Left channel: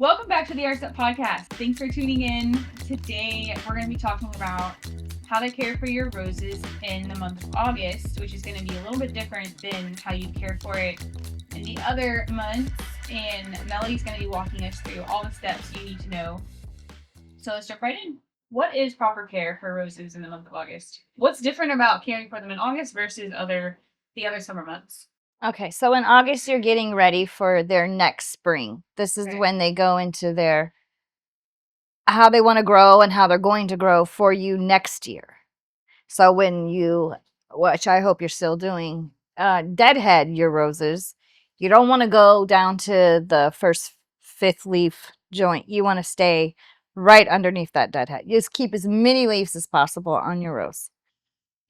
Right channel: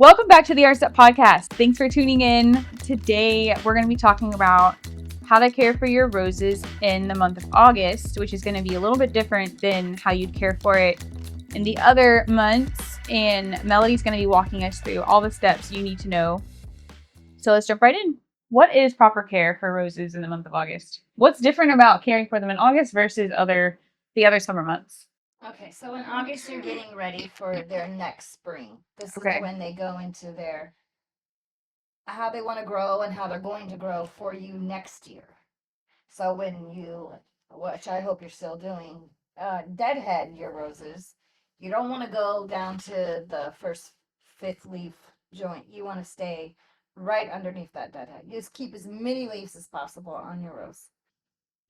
Welcome back to the Art Step Podcast. Thanks for tuning in. Today, we're going to be talking about how to care for your roses in the month of August, which is going to be a little bit different than how you'd care for it in the other months. And Melody's going to be walking us through all the steps you need to know. So let's jump right in. What is proper care for roses in the month of August? What's different about caring for them in August versus the other summer months? Okay, so in August, you're getting ready for their next spring. This is Okay. when they go into their how they want to grow and how they're going to grow for you next year. So when you, which I hope you're still doing, deadhead your roses, you don't want to go down to the first fifth leaf joint. You want to stay right underneath that deadhead. You just keep as many leaves as possible on your rose.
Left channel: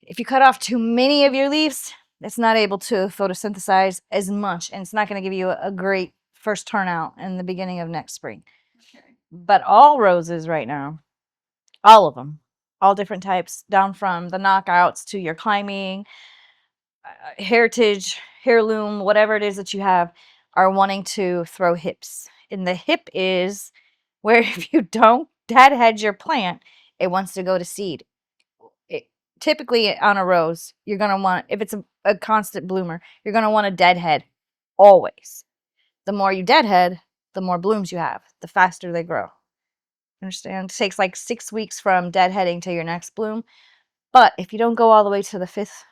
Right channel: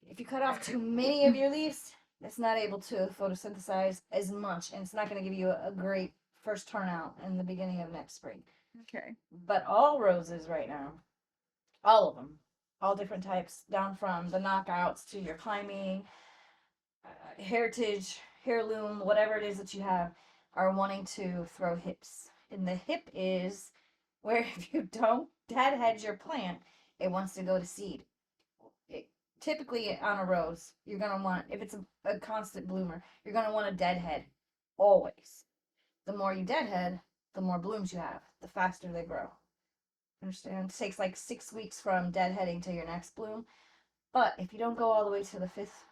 If you cut off too many of your leaves, it's not able to photosynthesize as much, and it's not going to give you a great first turnout in the beginning of next spring. Okay. But all roses right now, all of them, all different types, down from the knockouts to your climbing, heritage, heirloom, whatever it is that you have, are wanting to throw hips. And the hip is where if you don't deadhead your plant, it wants to go to seed. Typically on a rose, you're going to want, if it's a constant bloomer, you're going to want a deadhead always. The more you deadhead, the more blooms you have, the faster they grow. Understand? It takes like 6 weeks from deadheading to your next bloom. But if you don't go all the way to the fifth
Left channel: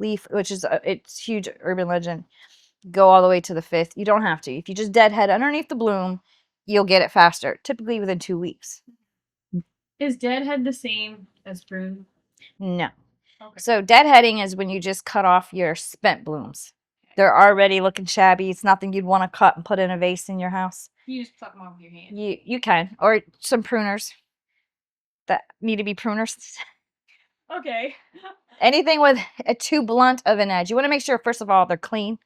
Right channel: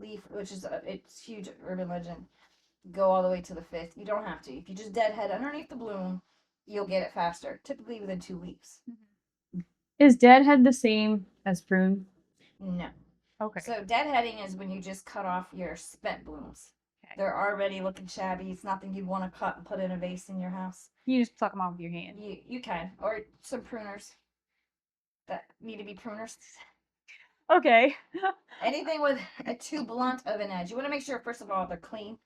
leaf, which is it's huge urban legend, go all the way to the fifth. You don't have to. If you just deadhead underneath the bloom, you'll get it faster, typically within 2 weeks. Is deadhead the same as prune? No. Okay. So deadheading is when you just cut off your spent blooms. Okay. They're already looking shabby. It's nothing you'd want to cut and put in a vase in your house. You just pluck them off with your hand. You can, or some pruners that need to be pruners. Okay. Anything with a too blunt of an edge. You want to make sure, first of all, they're clean,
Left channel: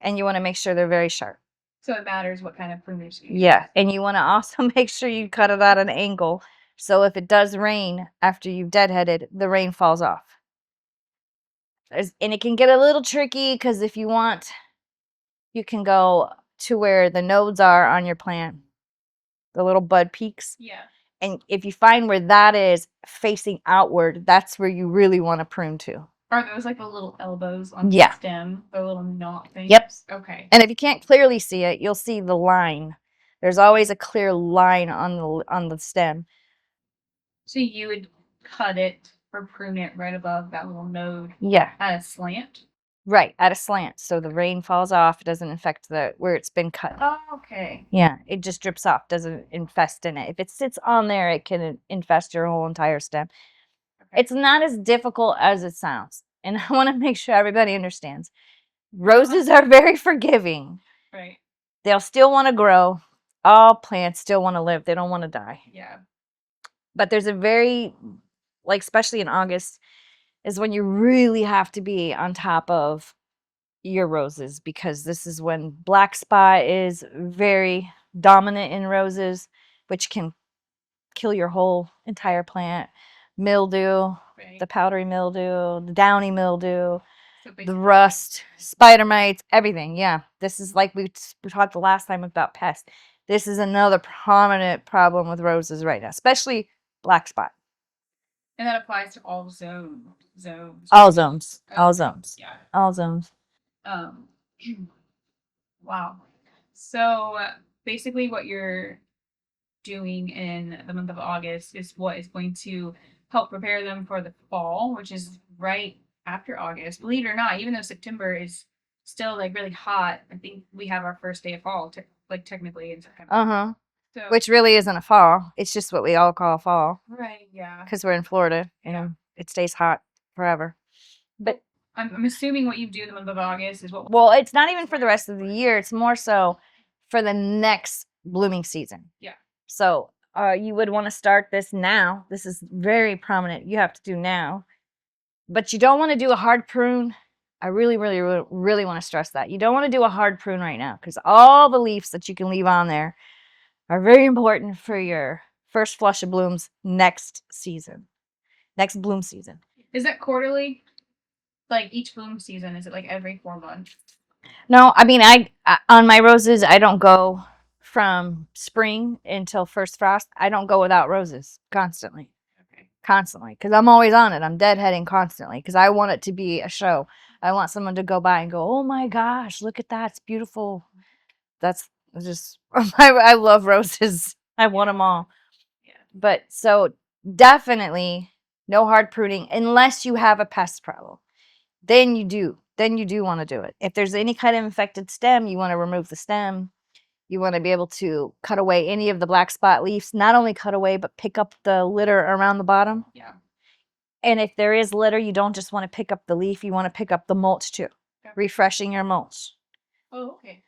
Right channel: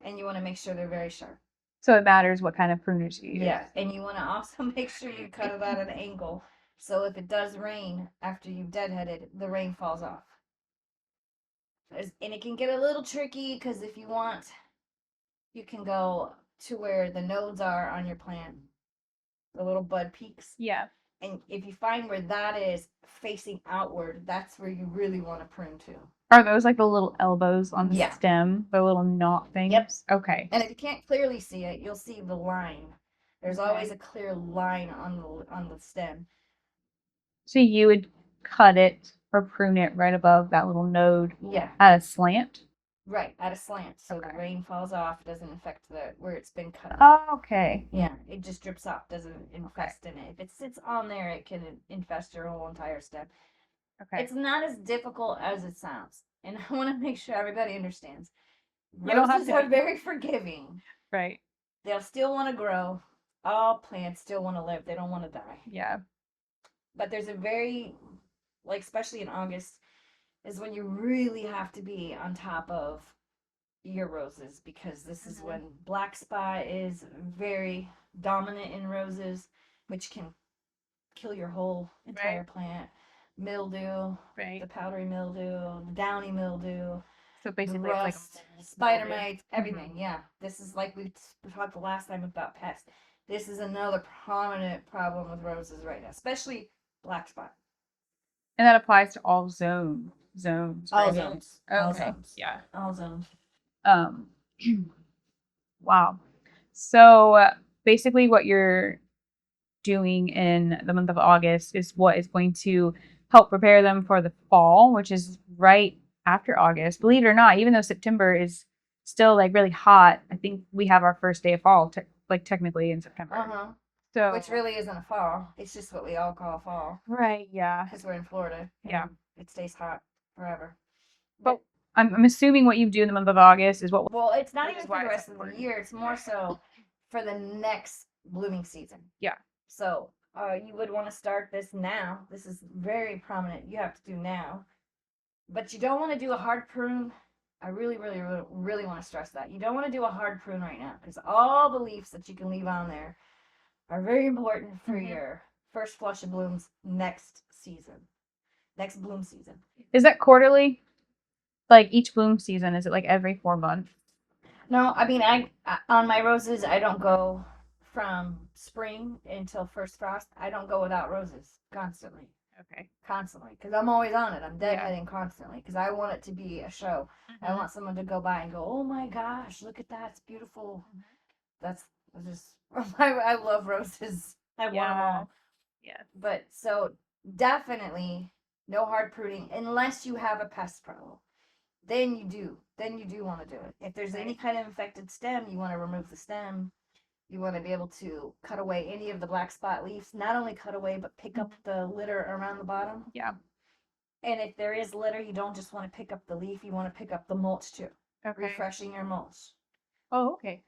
and you want to make sure they're very sharp. So it matters what kind of pruners you use. Yeah, and you want to also make sure you cut it at an angle, so if it does rain after you've deadheaded, the rain falls off. And it can get a little tricky because if you want, you can go to where the nodes are on your plant, the little bud peaks. Yeah. And if you find where that is facing outward, that's where you really want to prune to. Are those like the little elbows on the stem, the little knot things? Yep. Okay. And if you can't clearly see it, you'll see the line. There's always a clear line on the stem. So you would cut it or prune it right above that little node. Yeah. At a slant. Right, at a slant, so the rain falls off. It doesn't affect where it's been cut. Oh, okay. Yeah, it just drips off. Doesn't infest in it. If it sits on there, it can infest your whole entire stem. Okay. It's not as difficult as it sounds, and I want to make sure everybody understands. Roses are very forgiving. Right. They'll still want to grow. All plants still want to live. They don't want to die. Yeah. But there's a very, like, especially in August, is when you really have to be on top of your roses, because this is when black spot is very dominant in roses, which can kill your whole entire plant. Mildew, the powdery mildew, the downy mildew, so the rust, spider mites, everything. Yeah, this is like we talked the last time about pests. This is another prominent problem with roses right now, especially black spot. And that applies to all zones. All zones. Okay. All zones. Yeah. All zones. Wow. So basically what you're doing in the month of August is what is going to help prepare them for the fall, which is right after August. Believe it or not, even though September is still like really hot, I think we have our first day of fall, technically in September. Uh-huh. So, which really isn't a fall. It's just what we all call fall. Right, yeah. Because we're in Florida and it stays hot forever. But I'm assuming what you do in the month of August is what... Well, it's not even for the rest of the year. It's more so for the next blooming season. Yeah. So you would want to start this now. This is very prominent. You have to do now. But you don't want to do a hard prune. I really, really, really want to stress that. You don't want to do a hard prune right now, because all the leaves that you can leave on there are very important for your first flush of blooms next season. Next bloom season. Is that quarterly? Like each bloom season, is it like every 4 months? No, I mean, I on my roses, I don't go from spring until first frost, I don't go without roses constantly. Okay. Constantly, because I'm always on it. I'm deadheading constantly because I want it to be a show. I want someone to go by and go, "Oh my gosh, look at that! It's beautiful." That's just I love roses. I want them all. Yeah. But so definitely no hard pruning unless you have a pest problem. Then you do. Then you do want to do it. If there's any kind of infected stem, you want to remove the stem. You want to be able to cut away any of the black spot leaves. Not only cut away, but pick up the litter around the bottom. Yeah. And if there is litter, you don't just want to pick up the leaf, you want to pick up the mulch too. Okay. Refreshing your mulch. Oh, okay.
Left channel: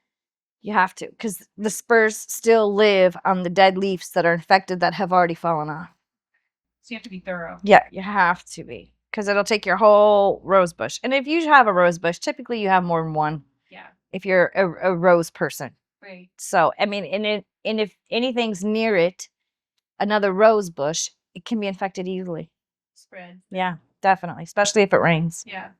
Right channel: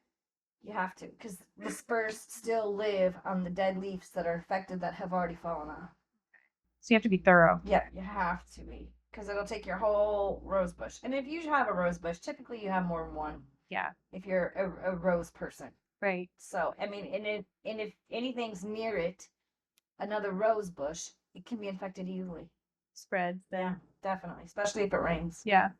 You have to, because the spurs still live on the dead leaves that are infected that have already fallen off. So you have to be thorough. Yeah, you have to be, because it'll take your whole rose bush. And if you have a rose bush, typically you have more than one. Yeah. If you're a rose person. Right. So, I mean, and if anything's near it, another rose bush, it can be infected easily. Spreads. Yeah, definitely, especially if it rains. Yeah.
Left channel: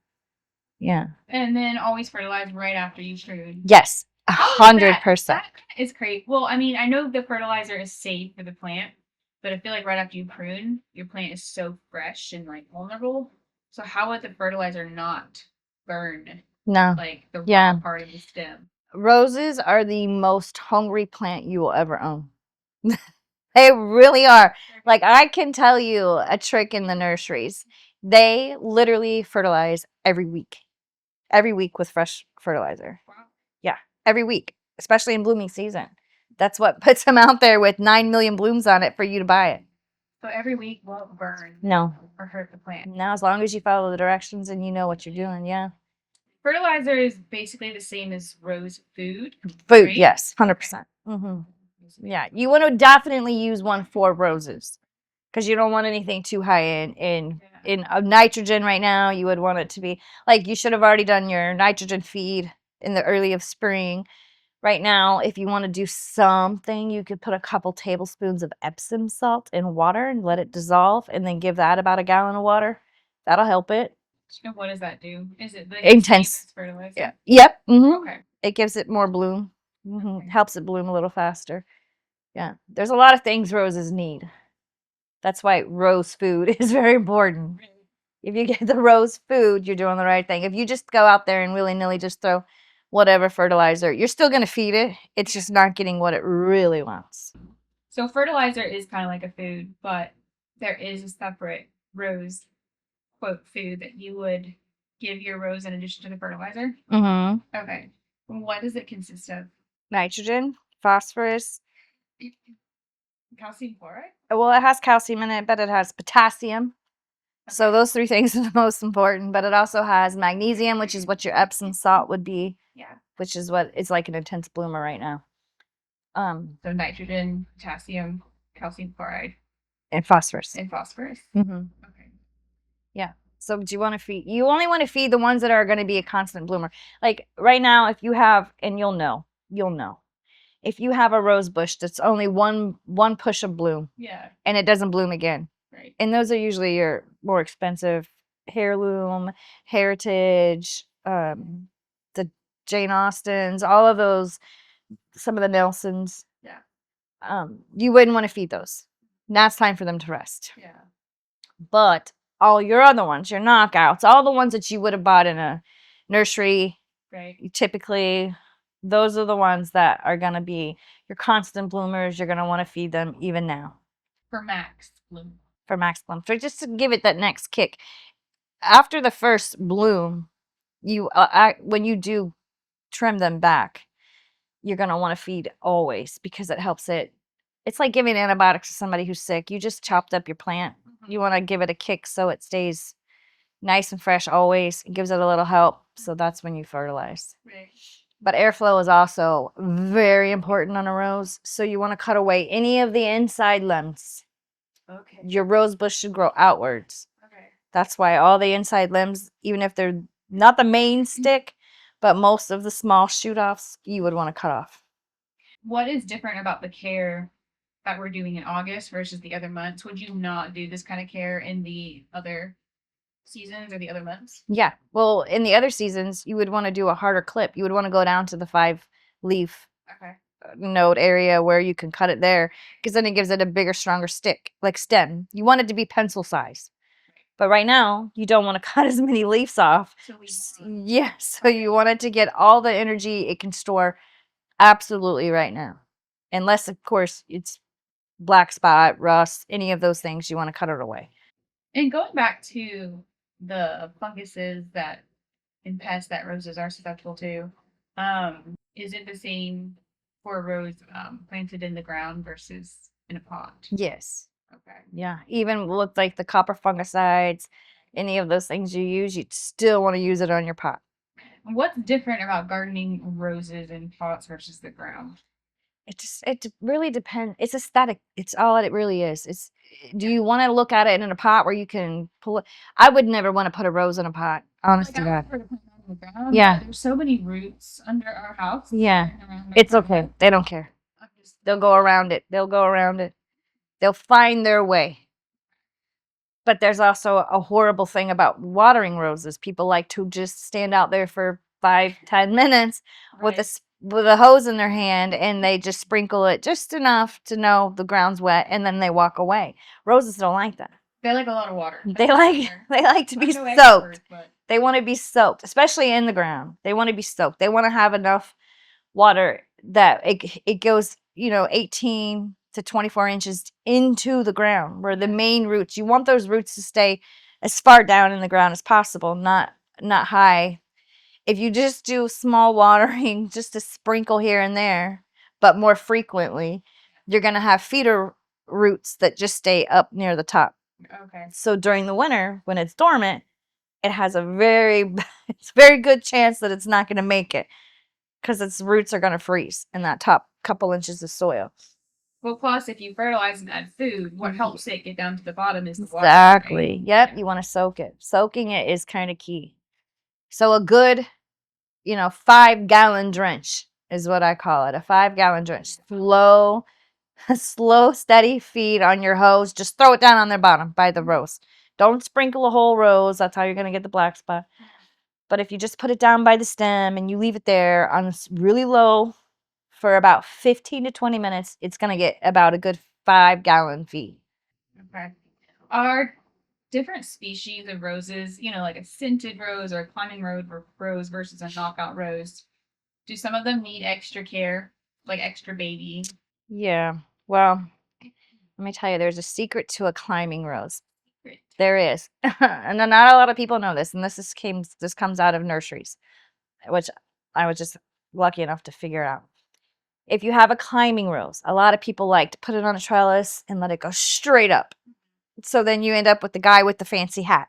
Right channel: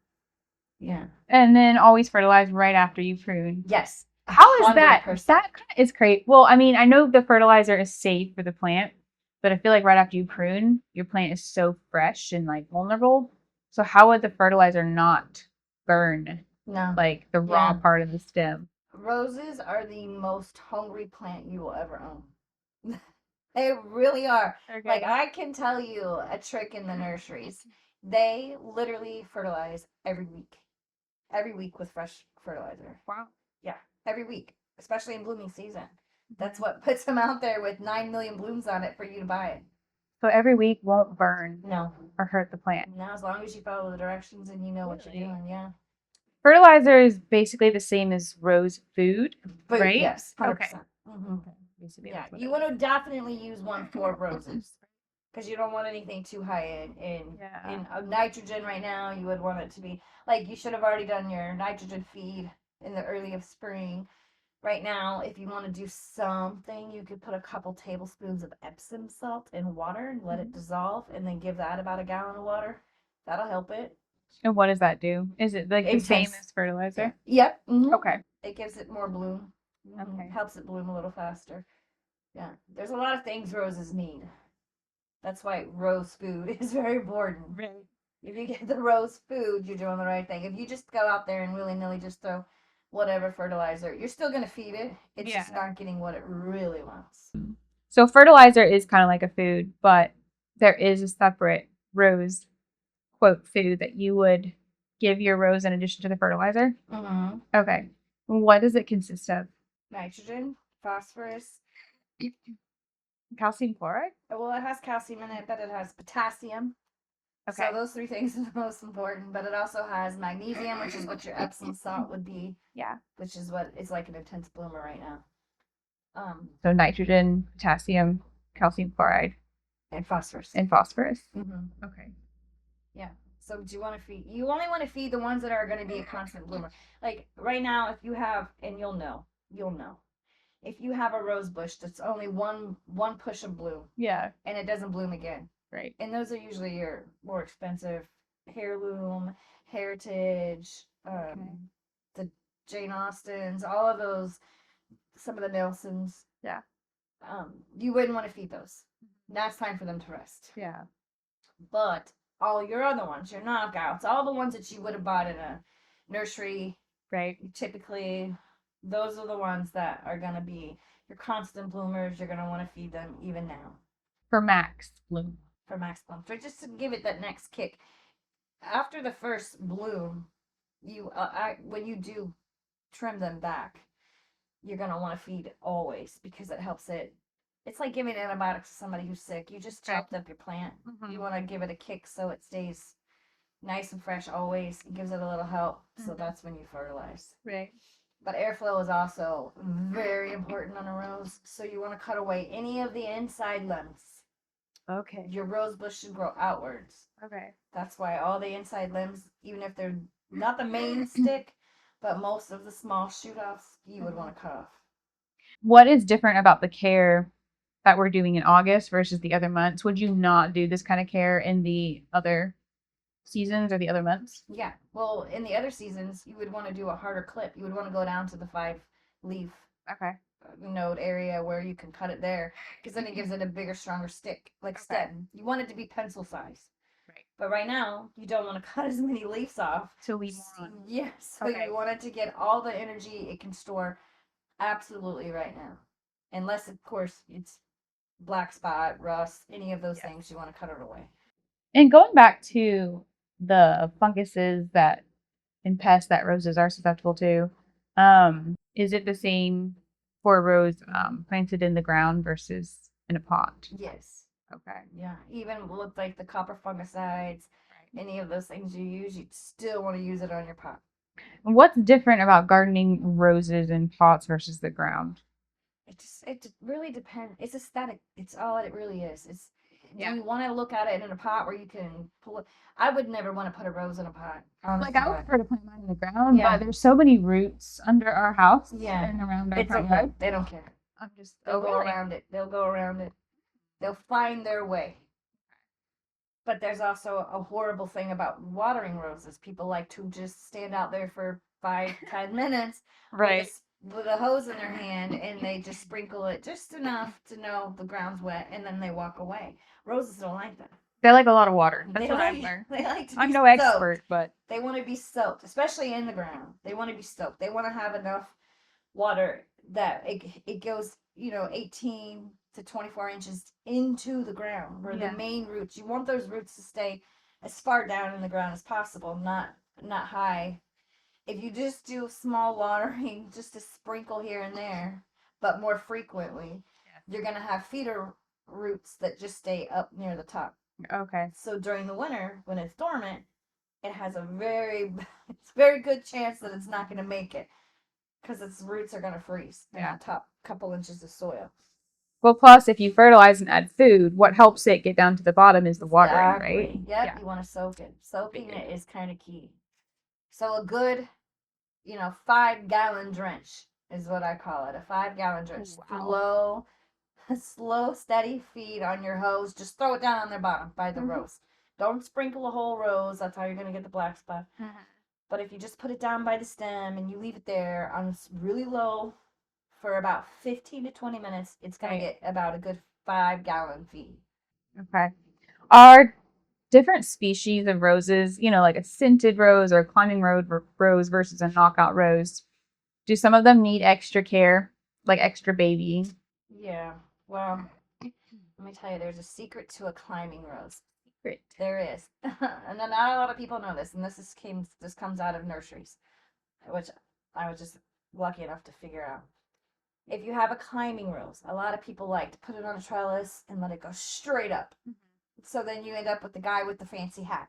Yeah. And then always fertilize right after you prune. Yes, How is 100%. That is great. Well, I mean, I know the fertilizer is safe for the plant, but I feel like right after you prune, your plant is so fresh and like vulnerable. So how would the fertilizer not burn No. like the Yeah. raw part of the stem? Roses are the most hungry plant you will ever own. They really are. Like, I can tell you a trick in the nurseries. They literally fertilize every week with fresh fertilizer. Wow. Yeah, every week, especially in blooming season. That's what puts them out there with 9 million blooms on it for you to buy it. So every week won't burn No. or hurt the plant. Now, as long as you follow the directions and you know what you're doing, yeah. Fertilizer is basically the same as rose food. Food, right? yes, 100%. Okay. Mm-hmm. Basically. Yeah, you want to definitely use one for roses because you don't want anything too high in nitrogen right now. You would want it to be like you should have already done your nitrogen feed in the early of spring. Right now, if you want to do something, you could put a couple tablespoons of Epsom salt in water and let it dissolve, and then give that about a gallon of water. That'll help it. And what does that do? Is it like Intense. the same as fertilizer? Yeah. Yep. Mm-hmm. Okay. It gives it more bloom. Mm-hmm. Okay. Helps it bloom a little faster. Yeah. There's a lot of things roses need. That's why rose food is very important. Right. If you get the rose food, you're doing the right thing. If you just go out there and willy-nilly just throw whatever fertilizer, you're still going to feed it. It's just not getting what it really wants. So fertilizer is kind of like a food, but there is a separate rose quote food that you would give your rose in addition to the fertilizer. Mm-hmm. Okay. What does it consist of? Nitrogen, phosphorus, calcium chloride. Well, it has calcium in it, but it has potassium. Okay. So those three things are the most important. But it also has magnesium, which is what your Epsom salt would be. Yeah. Which is what is like an intense bloomer right now. So nitrogen, potassium, calcium chloride, and phosphorus. Mm-hmm. Okay. Yeah. So do you want to feed? You only want to feed the ones that are going to be a constant bloomer. Like right now, if you have, and you'll know. If you have a rose bush that's only one push of bloom, yeah, and it doesn't bloom again, right? And those are usually your more expensive heirloom, heritage, the Jane Austens, all of those, some of the Nelsons. Yeah. You wouldn't want to feed those. Now it's time for them to rest. Yeah. But all your other ones, your knockouts, all the ones that you would have bought in a nursery, right? Typically, those are the ones that are going to be your constant bloomers. You're going to want to feed them even now. For max bloom. So just to give it that next kick. After the first bloom, you when you do trim them back, you're going to want to feed always because it helps it. It's like giving antibiotics to somebody who's sick. You just chopped up your plant. Mm-hmm. You want to give it a kick so it stays nice and fresh always. It gives it a little help. Mm-hmm. So that's when you fertilize. Right. But airflow is also very important on a rose. So you want to cut away any of the inside limbs. Okay. Your rose bush should grow outwards. Okay. That's why all the inside limbs, even if they're not the main stick, but most of the small shoot-offs, you would want to cut off. What is different about the care that we're doing in August versus the other months? Would you not do this kind of care in the other seasons or the other months? Yeah. Well, in the other seasons, you would want to do a harder clip. You would want to go down to the 5 leaf. Okay. node area where you can cut it there, because then it gives it a bigger, stronger stick, like stem. You want it to be pencil size. Right. But right now, you don't want to cut as many leaves off. So we want. Yeah, so Okay. you want it to get all the energy it can store absolutely right now. Unless, of course, it's black spot, rust, any of those things, you want to cut it away. And going back to the funguses that and pests that roses are susceptible to, is it the same for a rose planted in the ground versus in a pot? Yes. Okay. Yeah. Even with like the copper fungicides, any of those things you use, you'd still want to use it on your pot. And what's different about gardening roses in pots versus the ground? It really depends. It's aesthetic. It's all it really is. It's do Yeah. you want to look at it in a pot where you can pull it? I would never want to put a rose in a pot. Honest Like to I would God. prefer to plant mine in the ground. Yeah. But there's so many roots under our house. Yeah. And around our It's front okay. yard. They don't care. I'm just They'll go over it. around it. They'll go around it. They'll find their way. But there's also a horrible thing about watering roses. People like to just stand out there for 5-10 minutes Right. with a hose in their hand, and they just sprinkle it just enough to know the ground's wet, and then they walk away. Roses don't like that. They like a lot of water. That's They what I like learned. they like to I'm be no soaked. expert, but They want to be soaked, especially in the ground. They want to be soaked. They want to have enough water that it goes, 18 to 24 inches into the ground where the Yeah. main roots. You want those roots to stay as far down in the ground as possible, not high. If you just do small watering, just a sprinkle here and there, but more frequently, you're gonna have feeder roots that just stay up near the top. okay. So during the winter, when it's dormant, it has a it's very good chance that it's not gonna make it because its roots are gonna freeze in that top couple inches of soil. Well, plus if you fertilize and add food, what helps it get down to the bottom is the water. Exactly. Right? Yep. Yeah. You want to soak it. Soaking it is kind of key. So a good, 5-gallon drench is what I call it. A 5-gallon drench. Wow. Slow, steady feed on your hose. Just throw it down on their bottom by the rose. Don't sprinkle a whole rose. That's how you're going to get the black spot. But if you just put it down by the stem and you leave it there on really low for about 15 to 20 minutes, it's going to get about a good 5-gallon feed. Okay. Are different species of roses, like a scented rose or a climbing rose versus a knockout rose, do some of them need extra care, like extra babying? Yeah. Well, let me tell you, there's a secret to a climbing rose. Great. There is. And not a lot of people know this, and this comes out of nurseries, which I was just lucky enough to figure out. If you have a climbing rose, a lot of people like to put it on a trellis and let it go straight up. So then you end up with the guy with the fancy hat.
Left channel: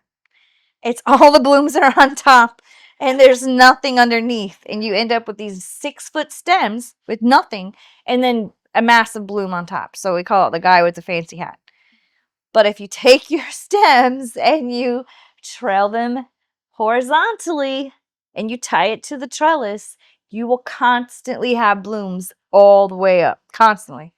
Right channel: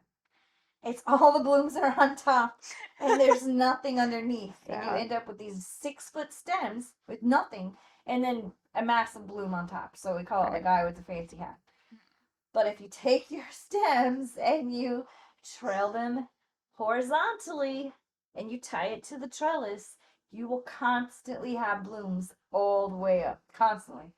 It's all the blooms are on top and there's nothing underneath. And you end up with these 6-foot stems with nothing and then a massive bloom on top. So we call it the guy with the fancy hat. But if you take your stems and you trail them horizontally and you tie it to the trellis, you will constantly have blooms all the way up, constantly.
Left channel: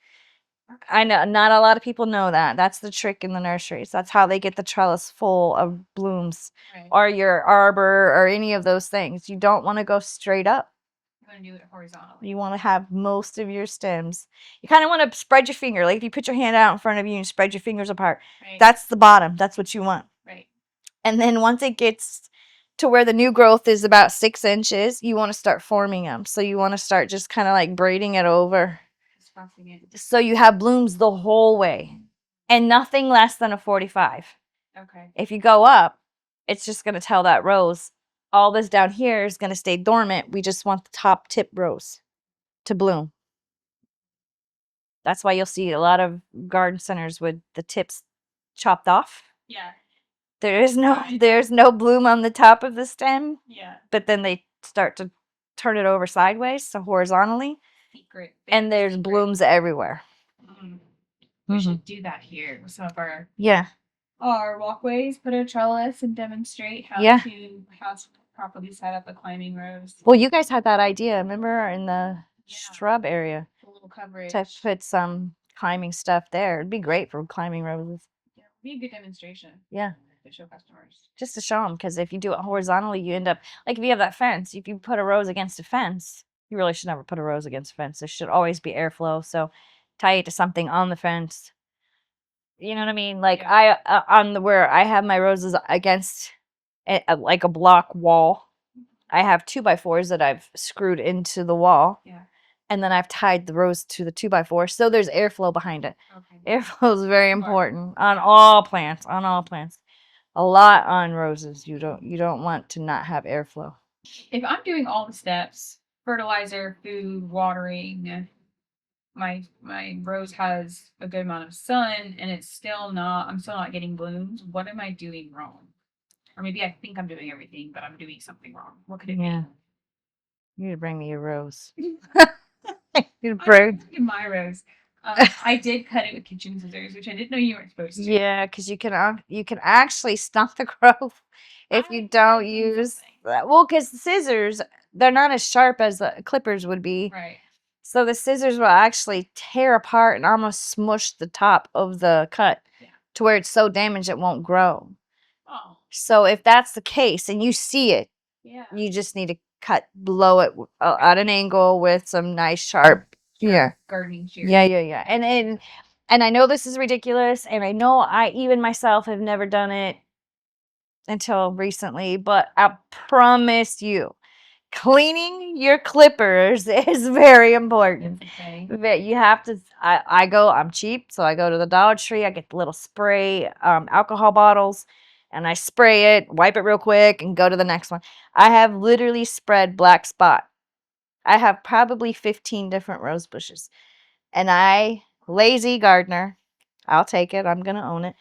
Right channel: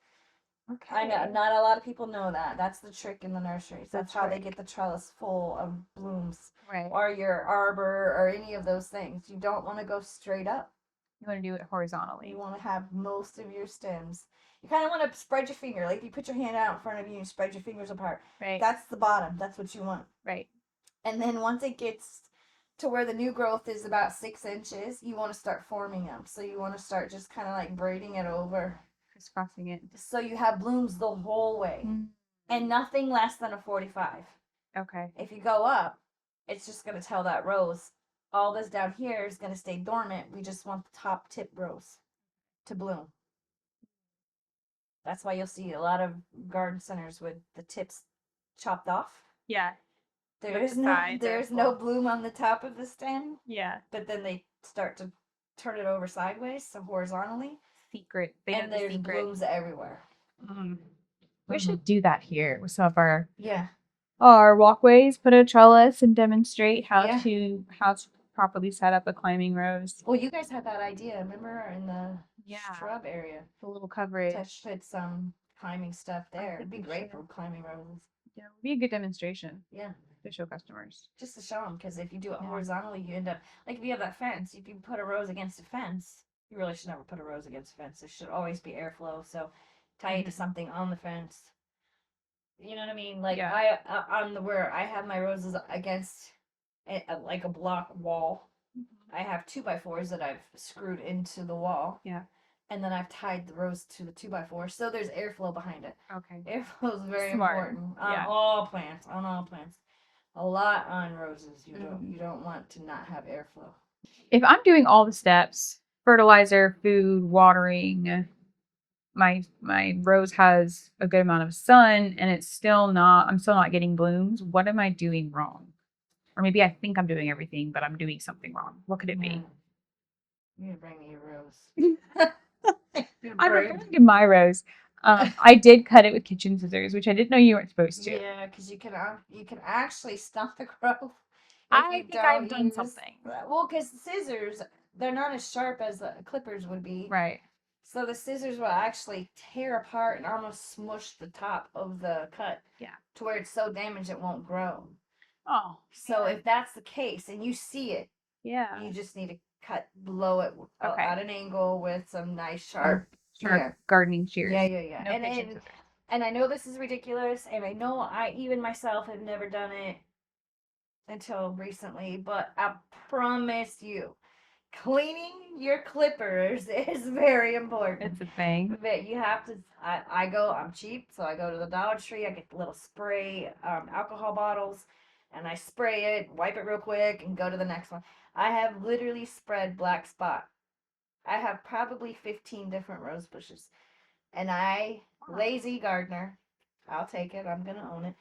I know not a lot of people know that. That's the trick in the nurseries. That's how they get the trellis full of blooms, Right. or your arbor or any of those things. You don't want to go straight up. You want to do it horizontally. You want to have most of your stems. You kind of want to spread your finger. Like if you put your hand out in front of you and spread your fingers apart, Right. that's the bottom. That's what you want. Right. And then once it gets to where the new growth is about 6 inches, you want to start forming them. So you want to start just kind of like braiding it over. Just crossing it. So you have blooms the whole way and nothing less than a 45. Okay. If you go up, it's just going to tell that rose, all this down here is going to stay dormant. We just want the top tip rose to bloom. That's why you'll see a lot of garden centers with the tips chopped off. Yeah. There's Sides. no bloom on the top of the stem, Yeah. but then they start to turn it over sideways, so horizontally, Secret. and there's blooms everywhere. We should do that here with some of our Yeah. walkways. Put a trellis and demonstrate how Yeah. to properly set up a climbing rose. Well, you guys had that idea, remember, in the Yeah. shrub area A little coverage. to put some climbing stuff there. It'd be great for climbing roses. Yeah, it would be a good demonstration Yeah. to show customers. Just to show them, because if you do it horizontally, you end up, like if you have that fence, if you put a rose against a fence, You really should never put a rose against a fence. There should always be airflow. So tie it to something on the fence. You know what I mean? Like Yeah. on the where I have my roses against like a block wall. I have 2x4s that I've screwed into the wall. Yeah. And then I've tied the rose to the 2x4 so there's airflow behind it. Okay. Airflow is very Smart. important on Yeah. all plants, on all plants. A lot on roses. You don't want to not have airflow. If I'm doing all the steps, fertilizer, food, watering, my rose has a good amount of sun and I'm still not getting blooms, what am I doing wrong? Or maybe I think I'm doing everything, but I'm doing something wrong. What could it Yeah. be? You need to bring me your rose. I'm in my rose. I did cut it with kitchen scissors, which I didn't know you weren't supposed to. Yeah, because you can actually stop the growth if I you think I've don't done use something. well, because the scissors they're not as sharp as the clippers would be. Right. So the scissors will actually tear apart and almost smush the top of the cut. Yeah. To where it's so damaged it won't grow. Oh. So if that's the case and you see it, Yeah. you just need to cut below it Okay. at an angle with some nice sharp gardening shears. Yeah. Okay. And I know this is ridiculous, and I know I even myself have never done it until recently, but I promise you, cleaning your clippers is very important. It's a thing. But you have to. I'm cheap, so I go to the Dollar Tree. I get the little spray alcohol bottles, and I spray it, wipe it real quick, and go to the next one. I have literally spread black spot. I have probably 15 different rose bushes, and lazy gardener, I'll take it. I'm gonna own it.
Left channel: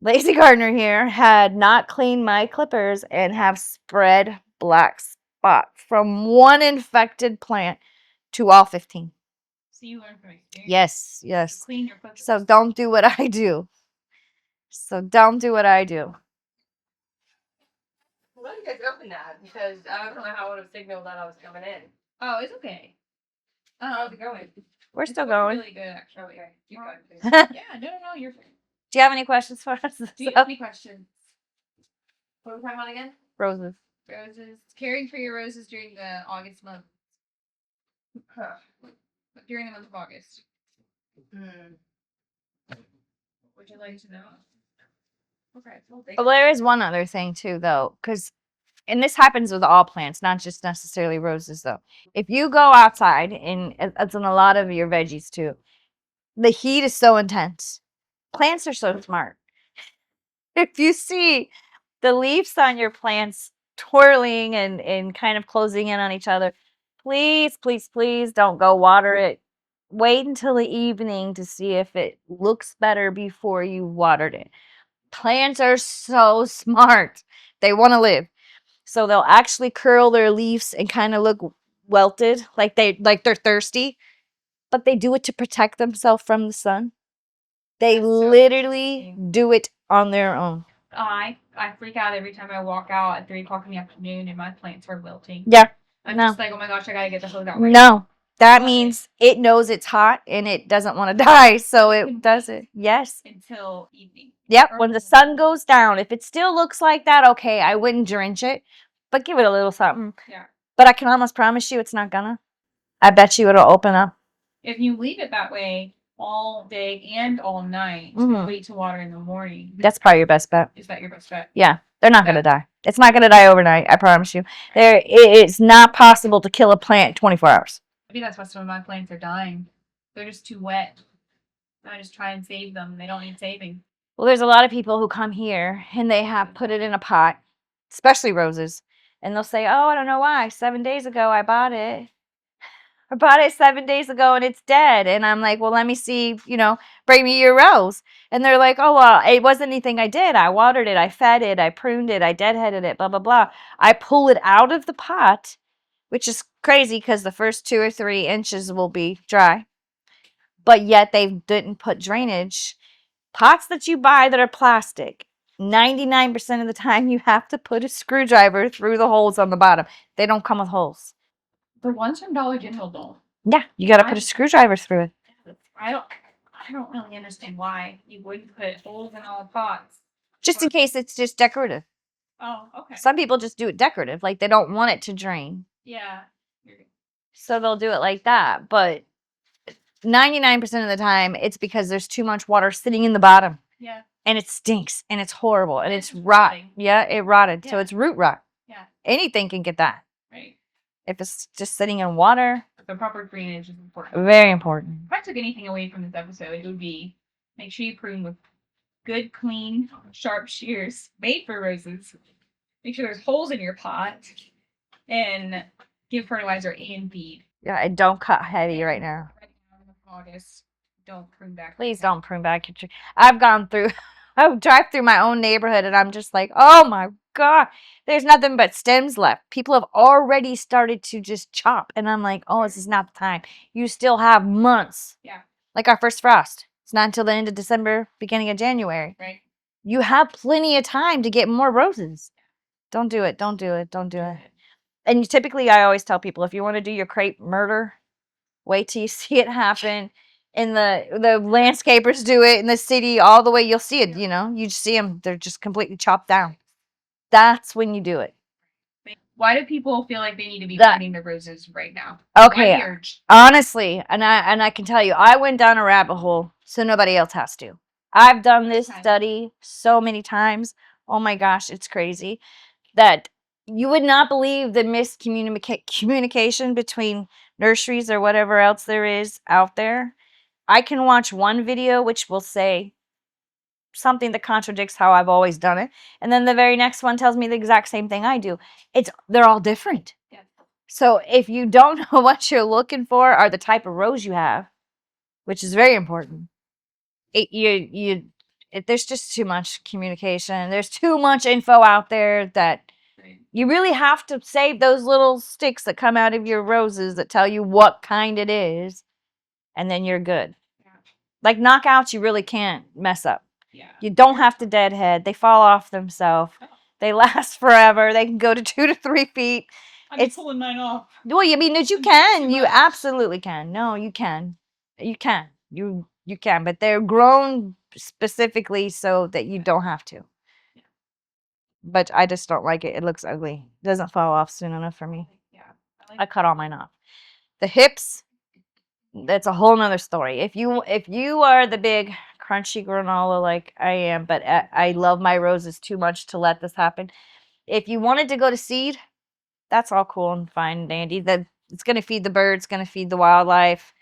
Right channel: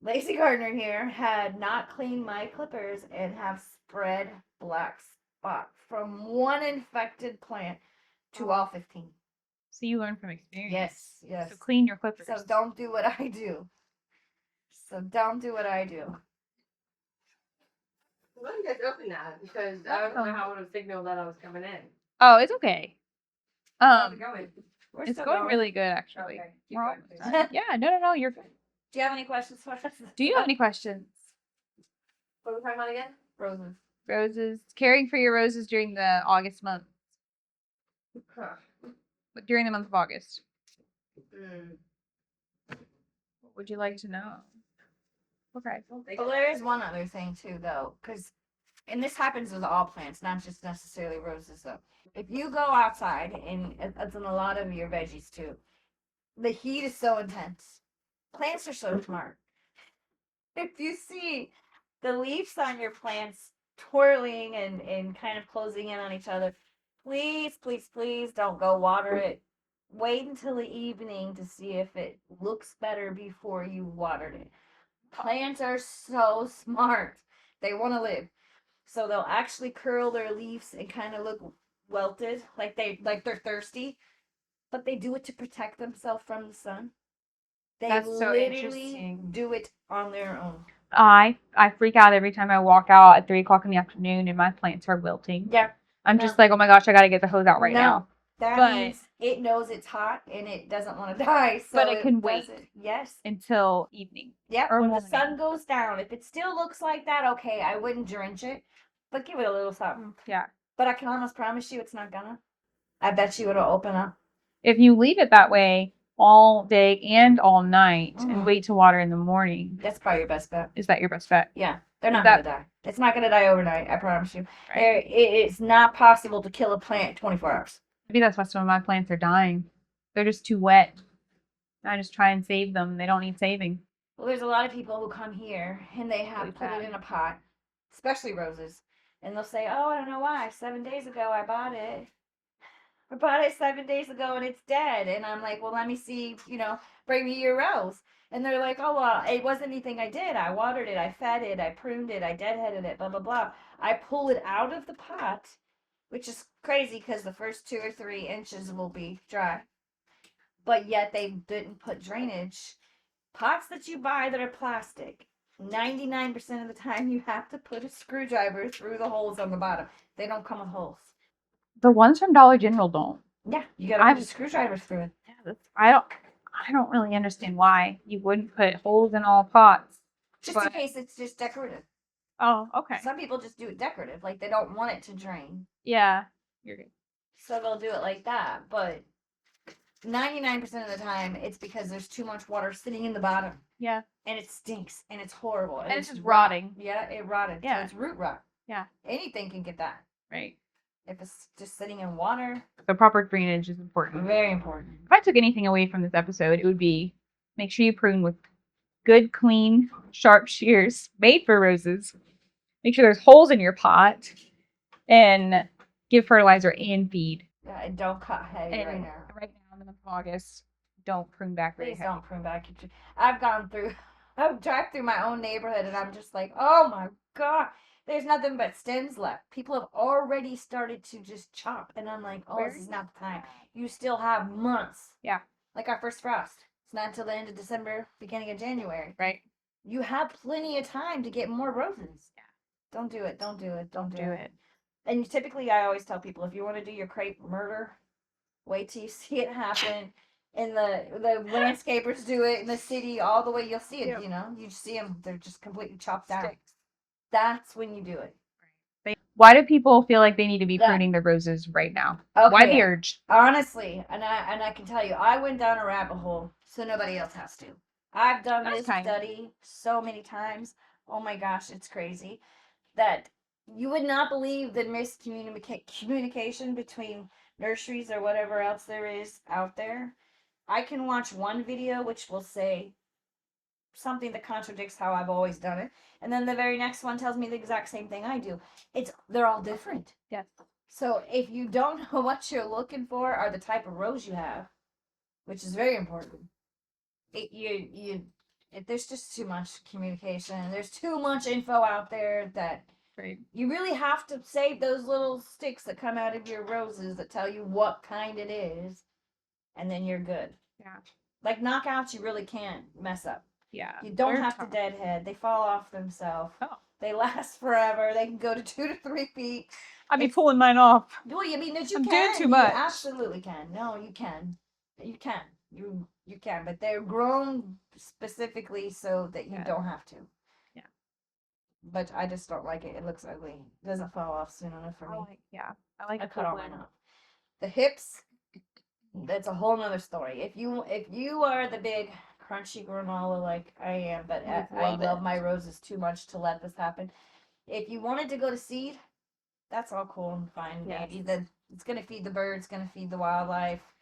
Lazy gardener here had not cleaned my clippers and have spread black spot from one infected plant to all 15. So you learn from experience. Yes, So yes. clean your clippers. So don't do what I do. So don't do what I do. Why don't you guys open that? Because I don't know how I would have signaled that I was coming in. Oh, it's okay. How's it going? We're It's still going going. really good, actually. Okay. Keep We're going, all- please. Yeah, no, you're good. Do you have any questions for us? Do you have any questions? What are we talking about again? Roses? Roses. Caring for your roses during the August month. During the month of August. What would you like to know? Okay. Well, there is one other thing too, though, and this happens with all plants, not just necessarily roses, though. If you go outside, and it's in a lot of your veggies too, the heat is so intense. Plants are so smart. If you see the leaves on your plants twirling and kind of closing in on each other, please, please, please don't go water it. Wait until the evening to see if it looks better before you watered it. Plants are so smart. They want to live. So they'll actually curl their leaves and kind of look welted, like they're thirsty, but they do it to protect themselves from the sun. They That's so literally interesting. do it on their own. I freak out every time I walk out at 3 o'clock in the afternoon and my plants are wilting. Yeah. I'm No. just like, oh my gosh, I gotta get the hose out right No. now. That But- means it knows it's hot and it doesn't want to die, so But it can it does wait. it. Yes. Until evening. Yep. Or When the morning. sun goes down, if it still looks like that, okay, I wouldn't drench it, but give it a little something. Yeah. But I can almost promise you it's not gonna. I bet you it'll open up. If you leave it that way all day and all night Mhm. and wait to water in the morning, That's probably your best bet. is that your best bet? Yeah, they're not gonna That- die. It's not gonna die overnight. I promise you. It's not possible to kill a plant 24 hours. Maybe that's why some of my plants are dying. They're just too wet. I just try and save them. They don't need saving. Well, there's a lot of people who come here and they have put it in a pot, especially roses, and they'll say, "Oh, I don't know why. 7 days ago I bought it. I bought it 7 days ago and it's dead." And I'm like, "Well, let me see. Bring me your rose." And they're like, "Oh, well, it wasn't anything I did. I watered it. I fed it. I pruned it. I deadheaded it. Blah blah blah." I pull it out of the pot, which is crazy because the first 2 or 3 inches will be dry, but yet they didn't put drainage. Pots that you buy that are plastic, 99% of the time you have to put a screwdriver through the holes on the bottom. They don't come with holes. The ones from Dollar General don't. Yeah, you got to put a I've- screwdriver through it. I don't really understand why you wouldn't put holes in all pots. Just in But- case it's just decorative. Oh, okay. Some people just do it decorative, like they don't want it to drain. Yeah. You're good. So they'll do it like that. But 99% of the time, it's because there's too much water sitting in the bottom. Yeah. And it stinks and it's horrible and And it's it's just rot. rotting. Yeah, it rotted. So Yeah. it's root rot. Yeah. Anything can get that. Right. If it's just sitting in water, The proper drainage is important. very important. If I took anything away from this episode, it would be make sure you prune with good, clean, sharp shears made for roses. Make sure there's holes in your pot, and give fertilizer and feed. Yeah, and don't cut heavy And right now. Right now in the month of August, don't prune back. Please don't prune back your tree. I've gone through, I drive through my own neighborhood and I'm just like, oh my God, there's nothing but stems left. People have already started to just chop. And I'm like, oh, this is not the time. You still have months. Yeah. Like our first frost. It's not until the end of December, beginning of January. Right. You have plenty of time to get more roses. Don't do it. Don't do it. Don't do it. And typically, I always tell people, if you want to do your crepe murder, wait till you see it happen. And the landscapers do it in the city all the way. You'll see it, you know. You just see them. They're just completely chopped down. That's when you do it. Why do people feel like they need to be pruning their roses right now? Why Okay. the urge? Honestly, and I can tell you, I went down a rabbit hole so nobody else has to. I've done this study so many times. Oh my gosh, it's crazy. That you would not believe the miscommunication between nurseries or whatever else there is out there. I can watch one video which will say something that contradicts how I've always done it, and then the very next one tells me the exact same thing I do. They're all different. Yes. So if you don't know what you're looking for or the type of rose you have, which is very important, there's just too much communication. There's too much info out there that you really have to save those little sticks that come out of your roses that tell you what kind it is, and then you're good. Yeah. Like knockouts, you really can't mess up. Yeah. You don't have to deadhead. They fall off themselves. Oh. They last forever. They can go to 2 to 3 feet. I'm pulling mine off. Well, I mean, you can. You absolutely can. No, you can. You can. You can. But they're grown specifically so that you don't have to. Yeah. But I just don't like it. It looks ugly. It doesn't fall off soon enough for me. I cut all mine off. The hips, that's a whole nother story. If you are the big crunchy granola like I am, but I love my roses too much to let this happen. If you wanted to go to seed, that's all cool and fine and dandy. That it's going to feed the birds, going to feed the wildlife.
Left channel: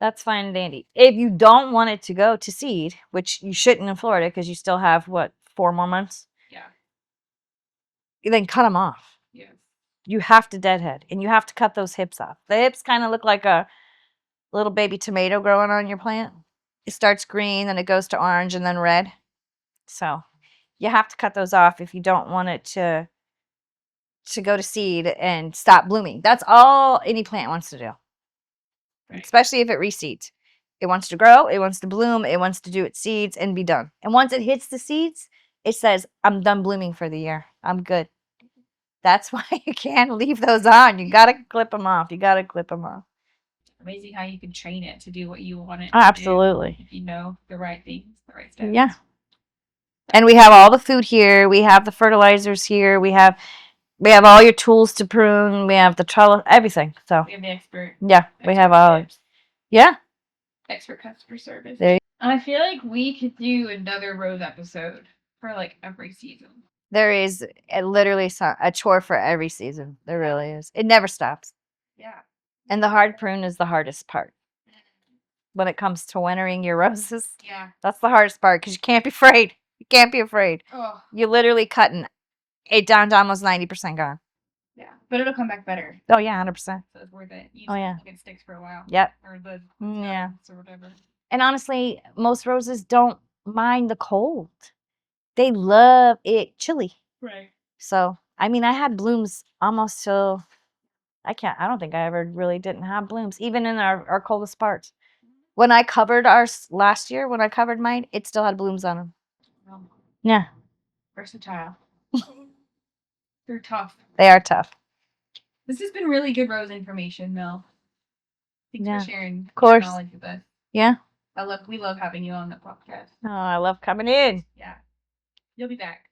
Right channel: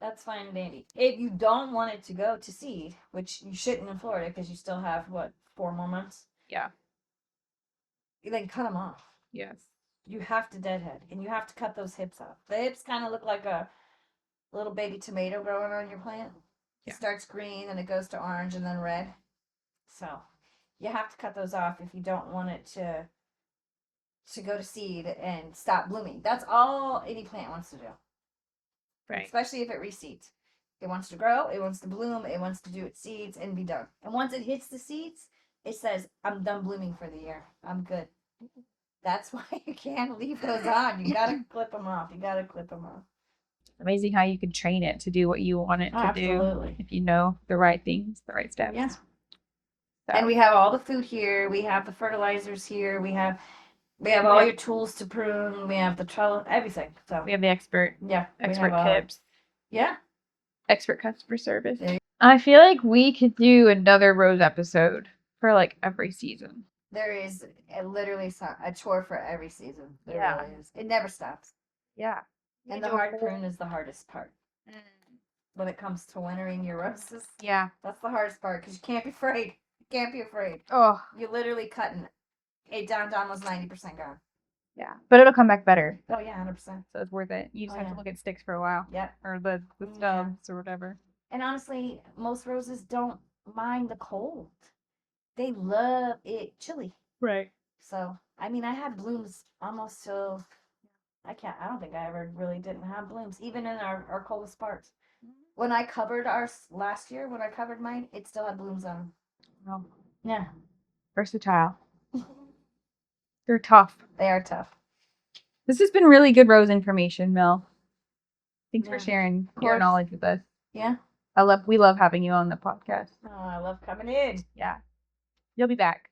That's fine and dandy. If you don't want it to go to seed, which you shouldn't in Florida because you still have, 4 more months? Yeah. Then cut them off. Yes. You have to deadhead, and you have to cut those hips off. The hips kind of look like a little baby tomato growing on your plant. It starts green, then it goes to orange, and then red. So you have to cut those off if you don't want it to go to seed and stop blooming. That's all any plant wants to do. Right. Especially if it reseeds. It wants to grow, it wants to bloom, it wants to do its seeds and be done. And once it hits the seeds, it says, I'm done blooming for the year. I'm good. That's why you can't leave those on. You got to clip them off. Amazing how you can train it to do what you want it to Absolutely. do. If you know the right things, the right steps. Yeah. And we have all the food here. We have the fertilizers here. We have all your tools to prune. We have the trellis, everything. So we have the expert. Yeah, we have all. Yeah. Expert customer service. There I feel like we could do another rose episode for like every season. There is literally a chore for every season. There really is. It never stops. Yeah. And the hard prune is the hardest part. When it comes to wintering your roses. Yeah. That's the hardest part because you can't be afraid. You can't be afraid. Oh. You're literally cutting it down to almost 90% gone. Yeah. But it'll come back better. Oh, yeah, 100%. So it's worth it. You just have to look at sticks for a while. Yep. Or the stones or whatever. And honestly, most roses don't mind the cold. They love it chilly. Right. So, I mean, I had blooms almost till, I don't think I ever really didn't have blooms, even in our coldest parts. When I covered ours last year, when I covered mine, it still had blooms on them. Oh. Yeah. Versatile. They're tough. They are tough. This has been really good rose information, Mel. Thanks for sharing your knowledge with us. Yeah. We love having you on the podcast. Oh, I love coming in. Yeah. You'll be back.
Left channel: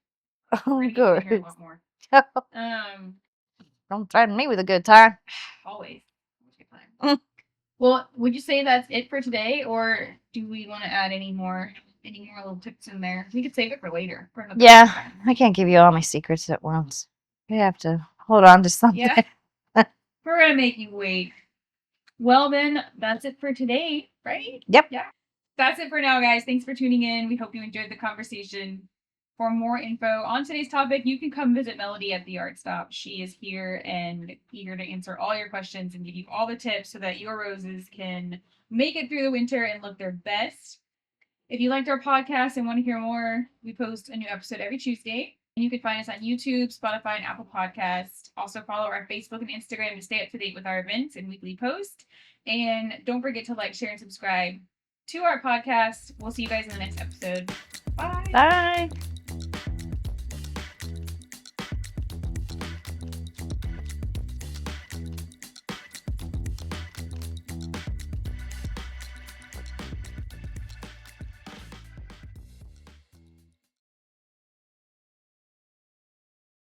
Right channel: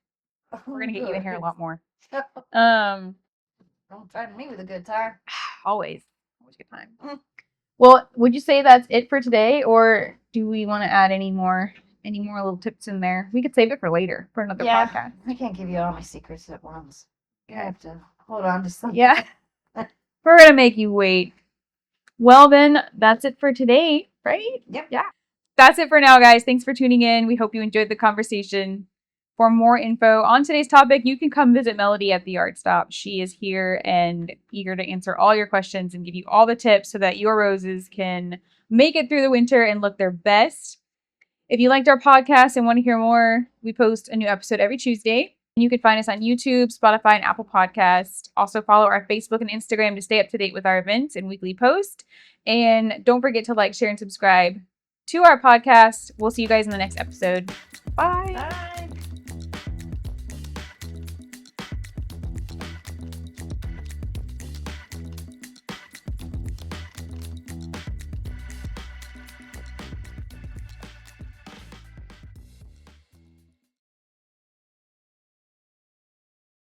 Oh, we're gonna get you to hear a lot more. Don't threaten me with a good time. Always. good time. Well, would you say that's it for today, or do we want to add any more little tips in there? We could save it for later for another Yeah, podcast. I can't give you all my secrets at once. You have to hold on to something. Yeah. We're gonna make you wait. Well, then that's it for today, right? Yep. Yeah. That's it for now, guys. Thanks for tuning in. We hope you enjoyed the conversation. For more info on today's topic, you can come visit Melody at the Art Stop. She is here and eager to answer all your questions and give you all the tips so that your roses can make it through the winter and look their best. If you liked our podcast and want to hear more, we post a new episode every Tuesday. You can find us on YouTube, Spotify, and Apple Podcasts. Also follow our Facebook and Instagram to stay up to date with our events and weekly posts. And don't forget to like, share, and subscribe to our podcast. We'll see you guys in the next episode. Bye. Bye.